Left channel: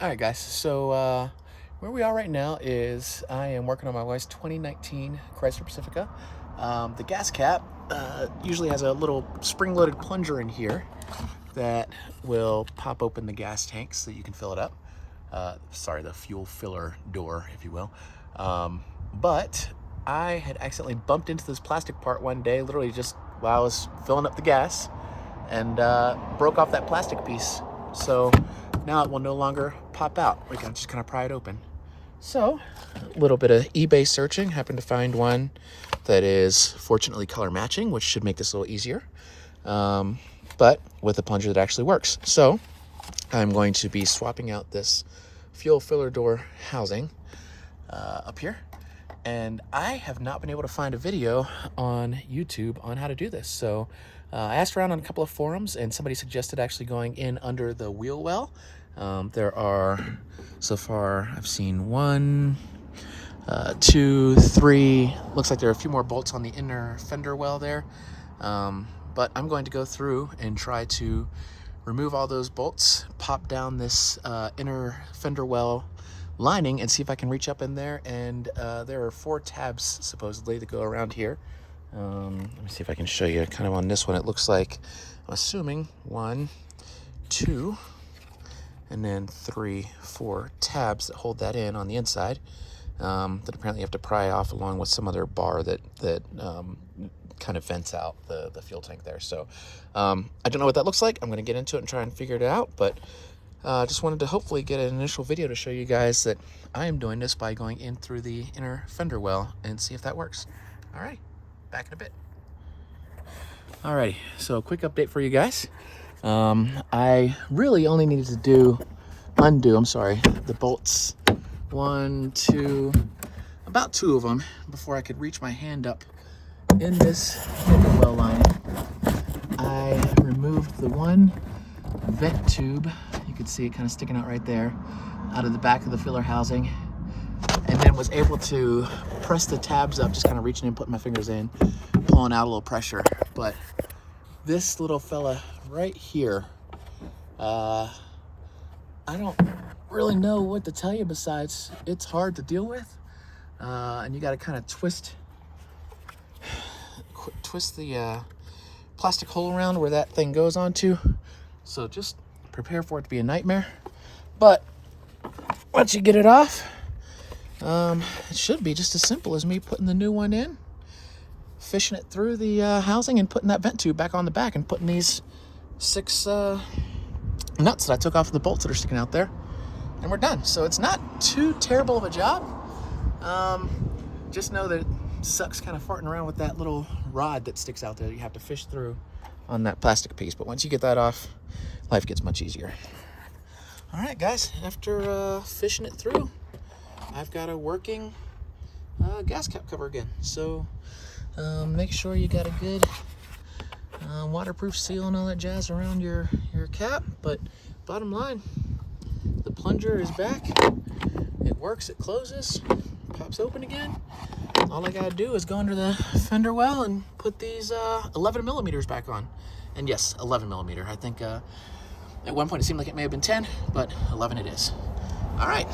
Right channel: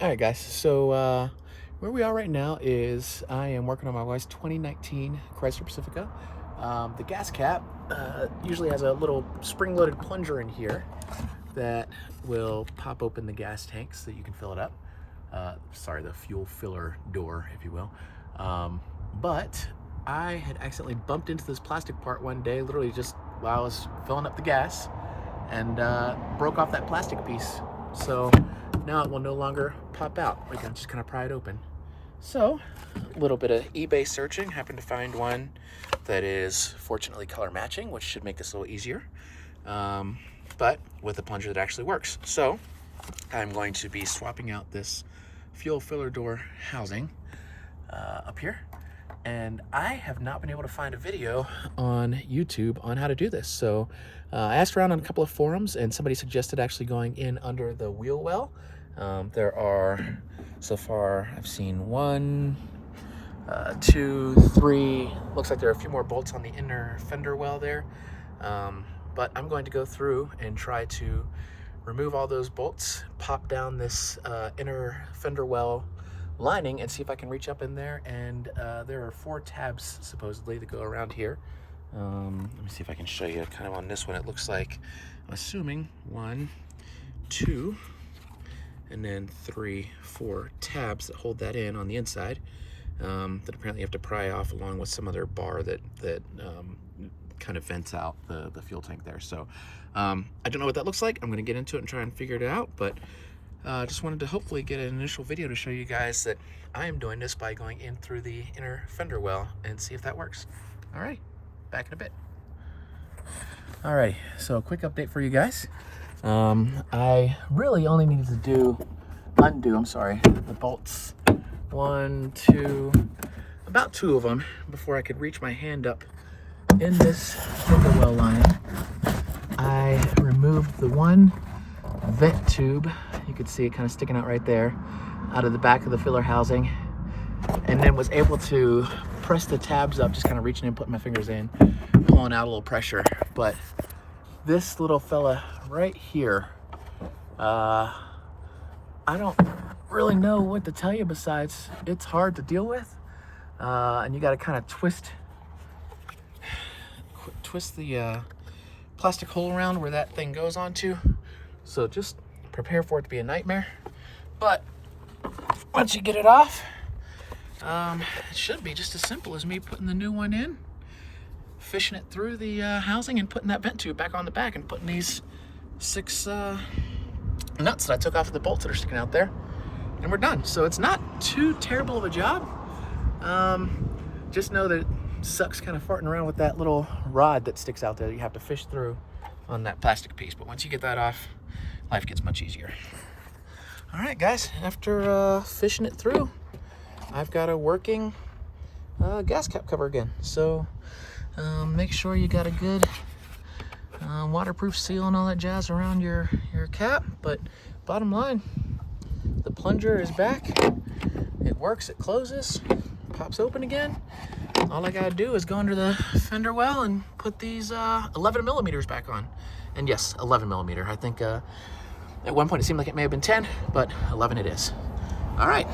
All right, guys. So where we are right now is I am working on my wife's 2019 Chrysler Pacifica. The gas cap usually has a little spring-loaded plunger in here that will pop open the gas tank so you can fill it up. Sorry, the fuel filler door, if you will. But I had accidentally bumped into this plastic part one day, literally just while I was filling up the gas, and broke off that plastic piece. So now it will no longer pop out. We can just kind of pry it open. So a little bit of eBay searching, happened to find one that is fortunately color matching, which should make this a little easier, but with a plunger that actually works. So I'm going to be swapping out this fuel filler door housing up here. And I have not been able to find a video on YouTube on how to do this. So I asked around on a couple of forums, and somebody suggested actually going in under the wheel well. There are, so far, I've seen 1, 2, 3. Looks like there are a few more bolts on the inner fender well there. But I'm going to go through and try to remove all those bolts, pop down this inner fender well lining, and see if I can reach up in there. And there are 4 tabs supposedly that go around here. Let me see if I can show you kind of on this one. It looks like, I'm assuming 1, 2, and then 3, 4 tabs that hold that in on the inside, that apparently you have to pry off along with some other bar that kind of vents out the fuel tank there. So I don't know what that looks like. I'm going to get into it and try and figure it out, but just wanted to hopefully get an initial video to show you guys that I am doing this by going in through the inner fender well and see if that works. All right, back in a bit. Alrighty, so a quick update for you guys. I really only needed to undo the bolts, 1, 2, about 2 of them before I could reach my hand up in this fender well line. I removed the one vent tube, you could see it kind of sticking out right there, out of the back of the filler housing, and then was able to press the tabs up, just kind of reaching in, putting my fingers in, pulling out a little pressure. But this little fella right here, I don't really know what to tell you besides it's hard to deal with, and you got to kind of twist the plastic hole around where that thing goes onto. So just prepare for it to be a nightmare. But once you get it off, it should be just as simple as me putting the new one in, fishing it through the housing, and putting that vent tube back on the back, and putting these 6 nuts that I took off the bolts that are sticking out there, and we're done. So it's not too terrible of a job. Just know that it sucks kind of farting around with that little rod that sticks out there that you have to fish through on that plastic piece. But once you get that off, life gets much easier. All right, guys, after fishing it through, I've got a working gas cap cover again. So make sure you got a good waterproof seal and all that jazz around your cap. But bottom line, the plunger is back. It works, it closes, pops open again. All I gotta do is go under the fender well and put these 11 millimeters back on. And yes, 11 millimeter. I think at one point it seemed like it may have been 10, but 11 it is. All right.